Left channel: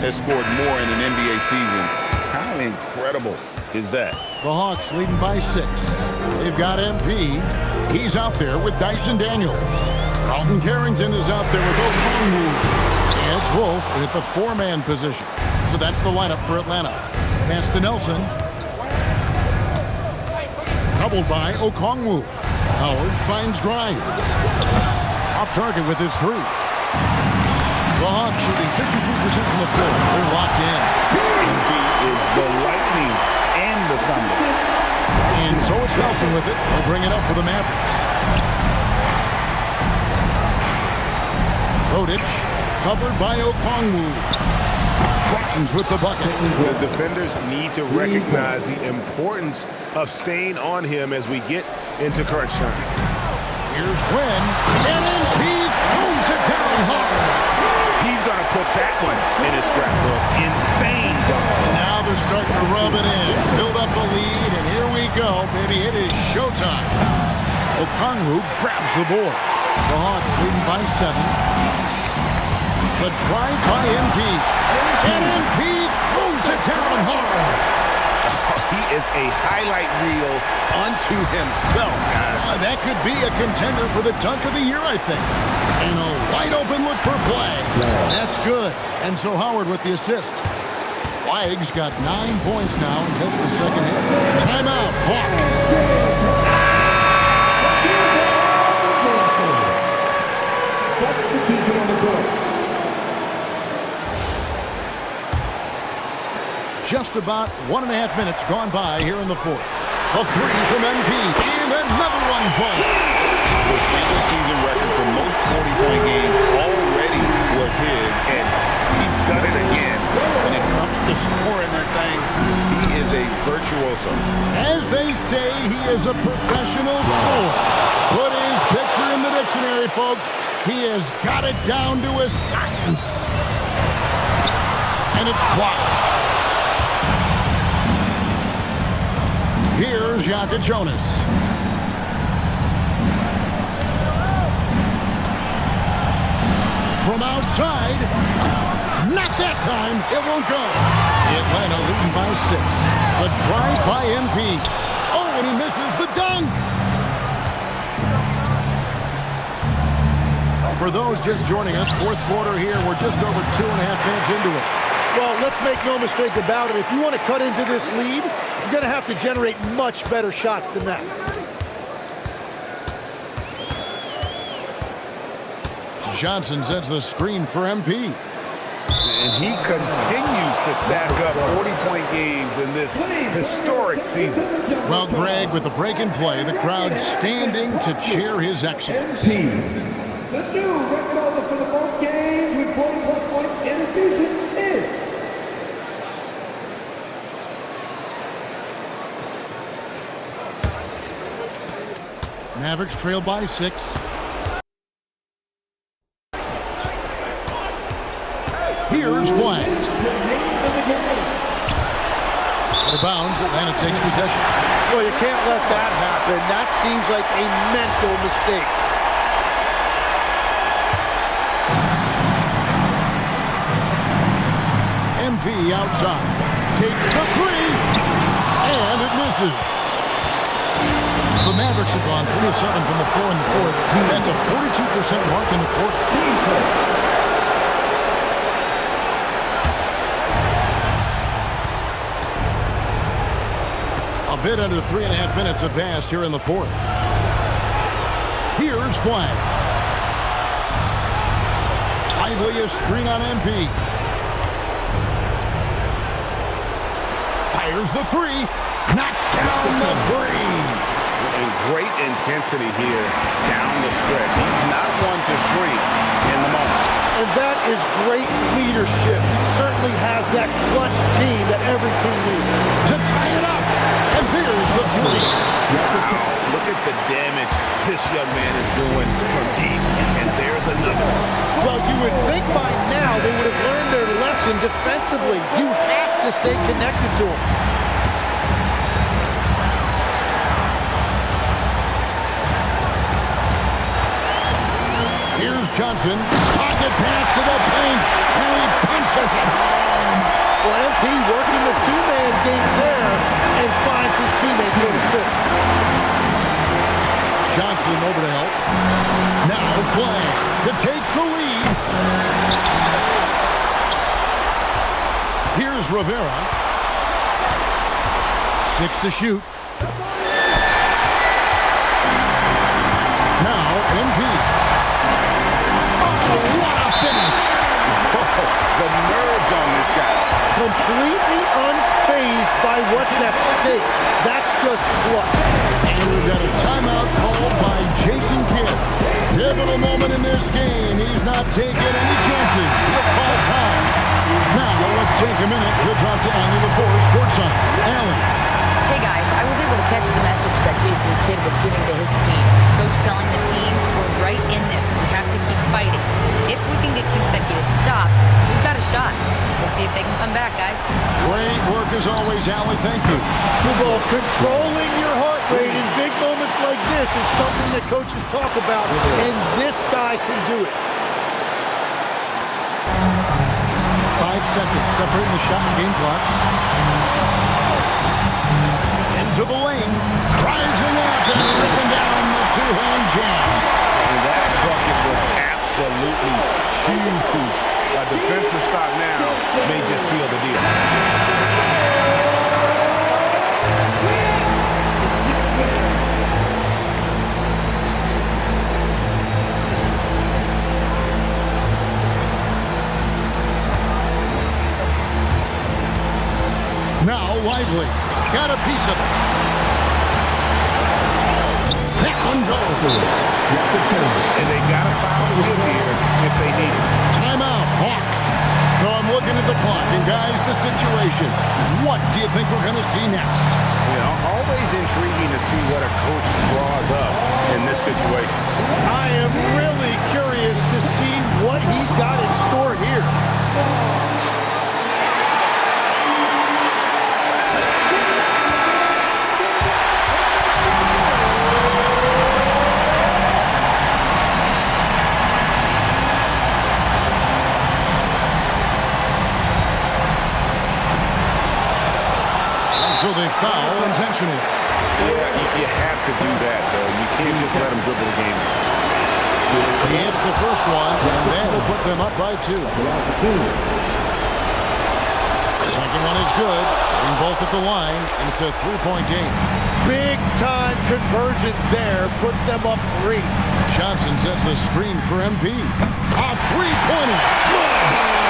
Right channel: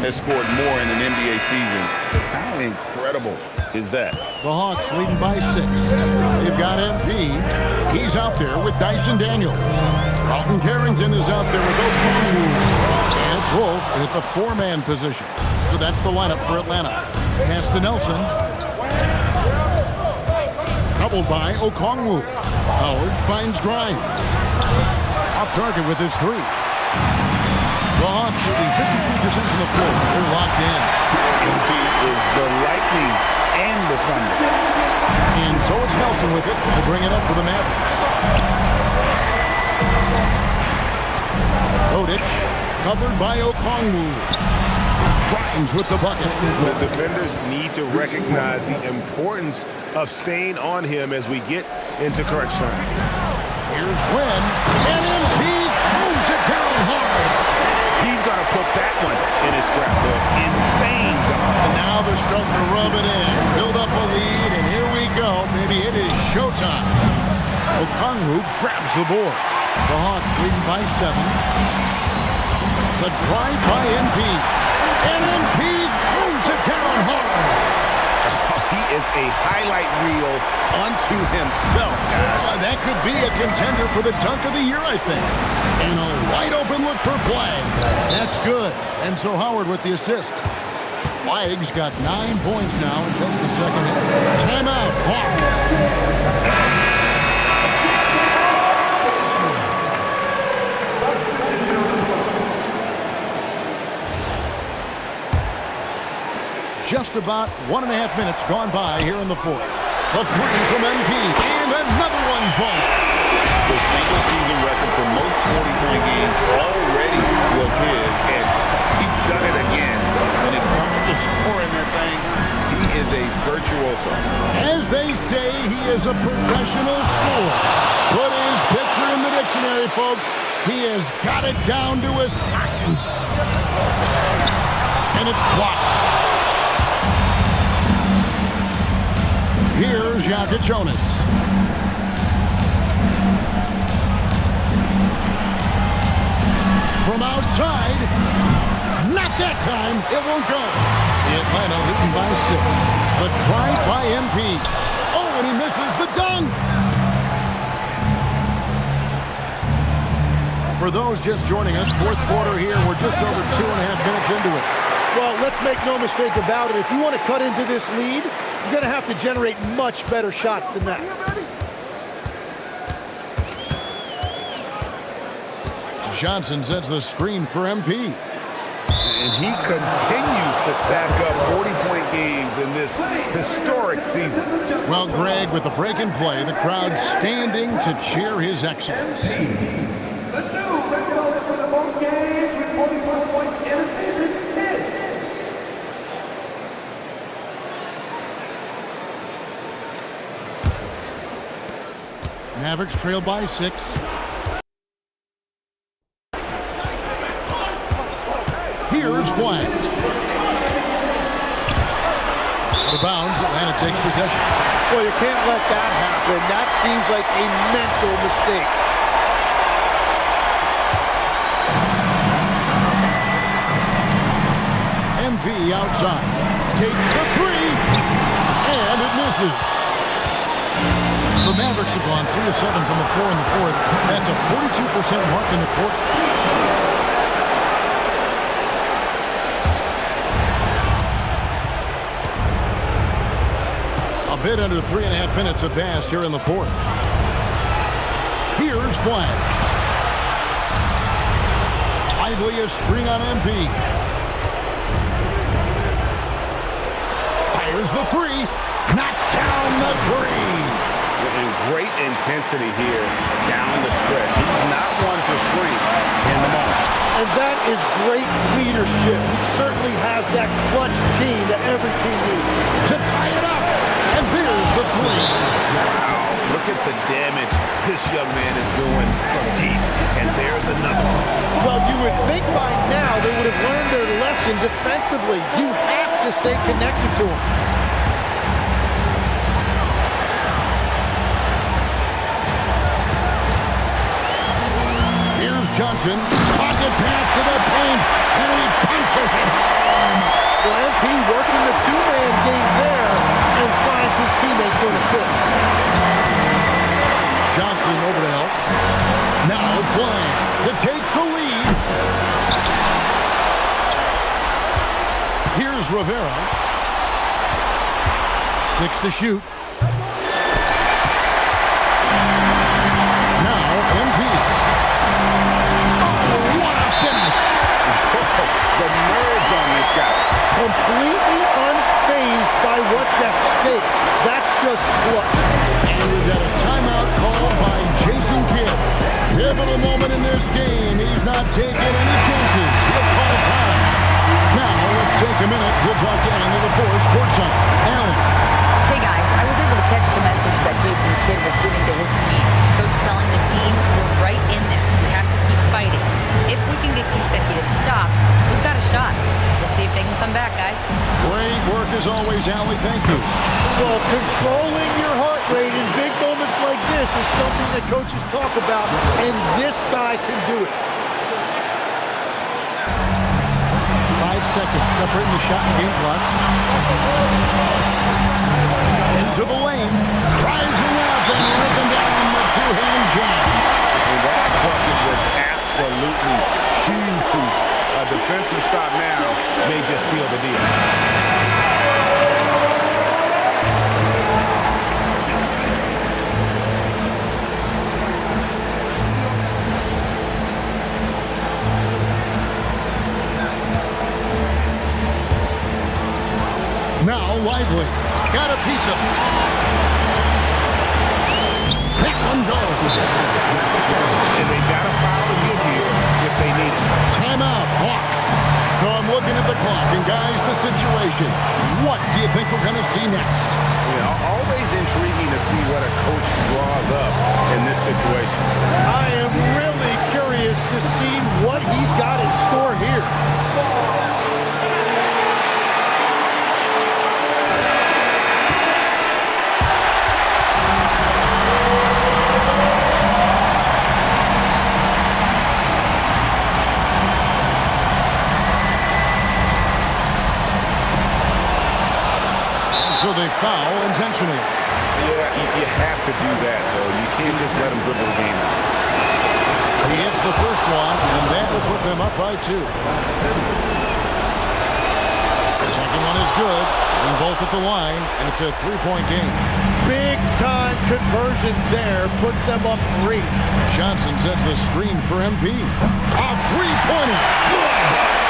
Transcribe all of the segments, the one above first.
has scored more in an NBA season. How incredible is that? The Hawks leading by 6. They've got MP. He's out there with Dyson Daniels. Carlton Carrington is out there with Okongwu. And it's Wolf at the 4-man position. So that's the lineup for Atlanta. Pass to Nelson. Doubled by Okongwu. Howard finds Grimes. Off target with his 3. The Hawks shooting 53% from the floor. They're locked in. MP is the lightning and the thunder. And so it's Nelson with it. He'll bring it up for the Mavericks. Rodic covered by Okongwu. Grimes with the bucket. The defenders need to recognize the importance of staying on him as we get into crunch time. Here's Wynn. And MP throws it down hard. He's going to put that one in his scrapbook. Insane dunk. And now they're starting to rub it in. Build up a lead, and here we go. Baby, it is showtime. Okongwu grabs the board. The Hawks leading by 7. The drive by MP. And MP throws it down hard. Oh, he is a highlight reel unto himself, guys. That could be a contender for the dunk of the year, I think. And a wide open look for Flag. That's good. And so Howard with the assist. Flag's got 9 points now in just the second half. Timeout, Hawks. Just about 1.5 minutes gone by here in the fourth. A 3 from MP, and another one falls. The single-season record for most 40-point games already was his, and he's done it again. When it comes to scoring that thing, he is a virtuoso. As they say, he is a professional scorer. Put his picture in the dictionary, folks. He has got it down to a science. And it's blocked. Here's Jaka Jonas. From outside. Not that time. It won't go. Atlanta leading by 6. The drive by MP. Oh, and he misses the dunk. For those just joining us, fourth quarter here. We're just over 2.5 minutes into it. Well, let's make no mistake about it. If you want to cut into this lead, you're going to have to generate much better shots than that. Johnson sets the screen for MP. And he continues to stack up 40-point games in this historic season. Well, Greg, with the break in play, the crowd standing to cheer his excellence. The new record holder for the most games with 40-plus points in a season is... Mavericks trail by 6. Here's Flag. Out of bounds, Atlanta takes possession. Well, you can't let that happen. That seems like a mental mistake. MP outside. Takes the 3. And it misses. The Mavericks have gone 3 of 7 from the floor in the fourth. That's a 42% mark in the quarter. A bit under 3.5 minutes have passed here in the fourth. Here's Flag. Lively a screen on MP. Fires the 3. Knocks down the 3. And great intensity here down the stretch. He's not one to shrink in the moment. And that is great leadership. He certainly has that clutch gene that every team needs. To tie it up. And there's the 3. Wow, look at the damage this young man is doing from deep. And there's another one. Well, you would think by now they would have learned their lesson defensively. You have to stay connected to him. Here's Johnson. Pocket pass to the paint. And he punches it home. Well, MP working the two-man game there and finds his teammate for an assist. Johnson over to help. Now Flag to take the lead. Here's Rivera. 6 to shoot. Now MP. Oh, what a finish! Whoa, the nerves on this guy. Completely unfazed by what's at stake. That's just clutch. And we've got a timeout called by Jason Kidd. Pivotal moment in this game. He's not taking any chances. He'll call time. Now let's take a minute to talk to Allie LaForce courtside. Allie. Hey guys, I was able to catch the message that Jason Kidd was giving to his team. Coach telling the team, we're right in this. We have to keep fighting. If we can get consecutive stops, we've got a shot. We'll see if they can come back, guys. Great work as always, Allie. Thank you. Well, controlling your heart rate in big moments like this is something that coaches talk about, and this guy can do it. 5 seconds separating the shot and game clocks. Into the lane, rising up and ripping down the two-hand jam. And that bucket was absolutely huge. A defensive stop now may just seal the deal. Now Lively got a piece of it. That one goes. And they've got a foul to give here if they need it. Timeout, Hawks. So I'm looking at the clock, and guys, the situation. What do you think we're going to see next? You know, always intriguing to see what a coach draws up in this situation. I am really curious to see what he's got in store here. So they foul intentionally. Yeah, you have to do that, though. You can't just let them dribble the game out. He hits the first one, and that will put them up by 2. Second one is good. Getting both at the line, and it's a 3-point game. Big time conversion there puts them up 3. Johnson sets the screen for MP. A three-pointer. Good.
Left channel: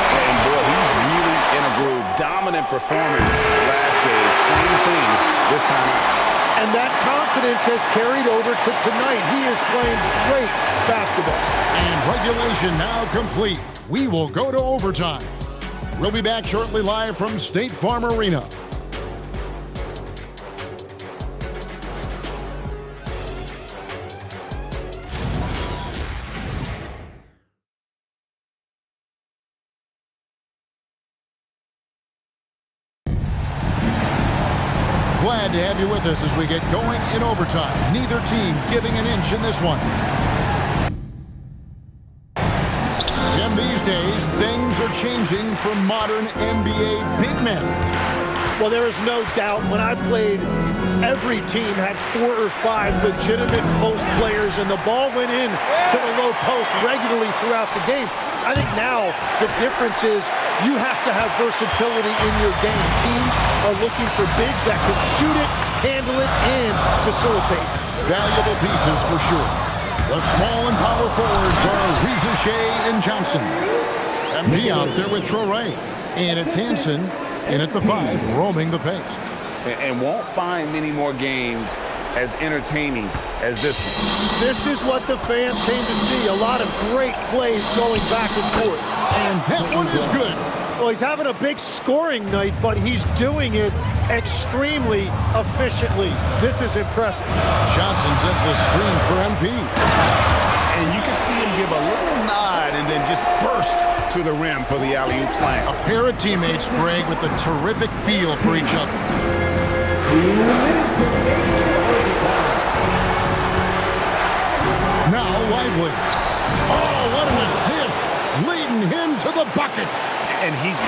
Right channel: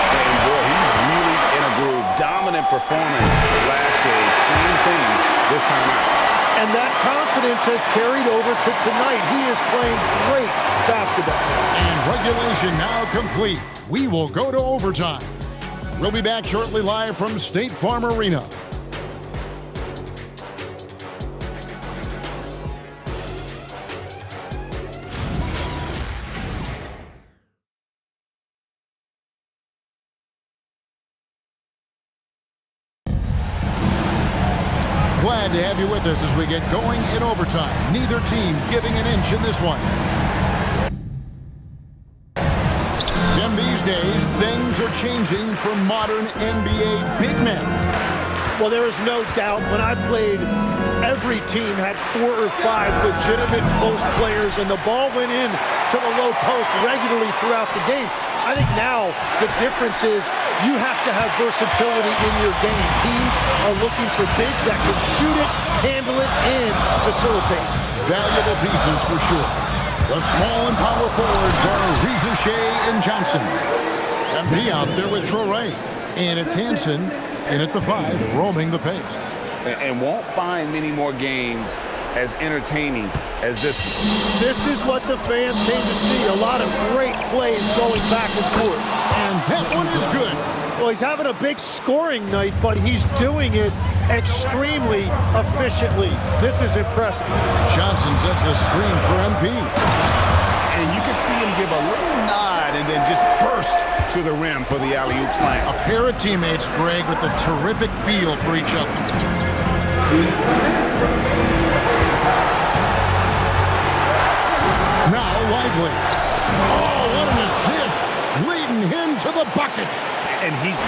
And boy, he's really in a groove. Dominant performance last game. Same thing this time out. And that confidence has carried over to tonight. He is playing great basketball. And regulation now complete. We will go to overtime. We'll be back shortly live from State Farm Arena. Glad to have you with us as we get going in overtime. Neither team giving an inch in this one. Tim, these days, things are changing for modern NBA big men. Well, there is no doubt when I played, every team had 4 or 5 legitimate post players, and the ball went in to the low post regularly throughout the game. I think now the difference is you have to have versatility in your game. Teams are looking for bigs that can shoot it, handle it, and facilitate. Valuable pieces for sure. The small and power forwards are Reza Shea and Johnson. MP out there with Traore. And it's Hansen in at the 5, roaming the paint. And won't find many more games as entertaining as this one. This is what the fans came to see. A lot of great plays going back and forth. And that one is good. Well, he's having a big scoring night, but he's doing it extremely efficiently. This is impressive. Johnson sets the screen for MP. And you can see him give a little nod and then just burst to the rim for the alley-oop slam. A pair of teammates, Greg, with a terrific feel for each other. Now Lively. Oh, what an assist! Leading him to the bucket. And he's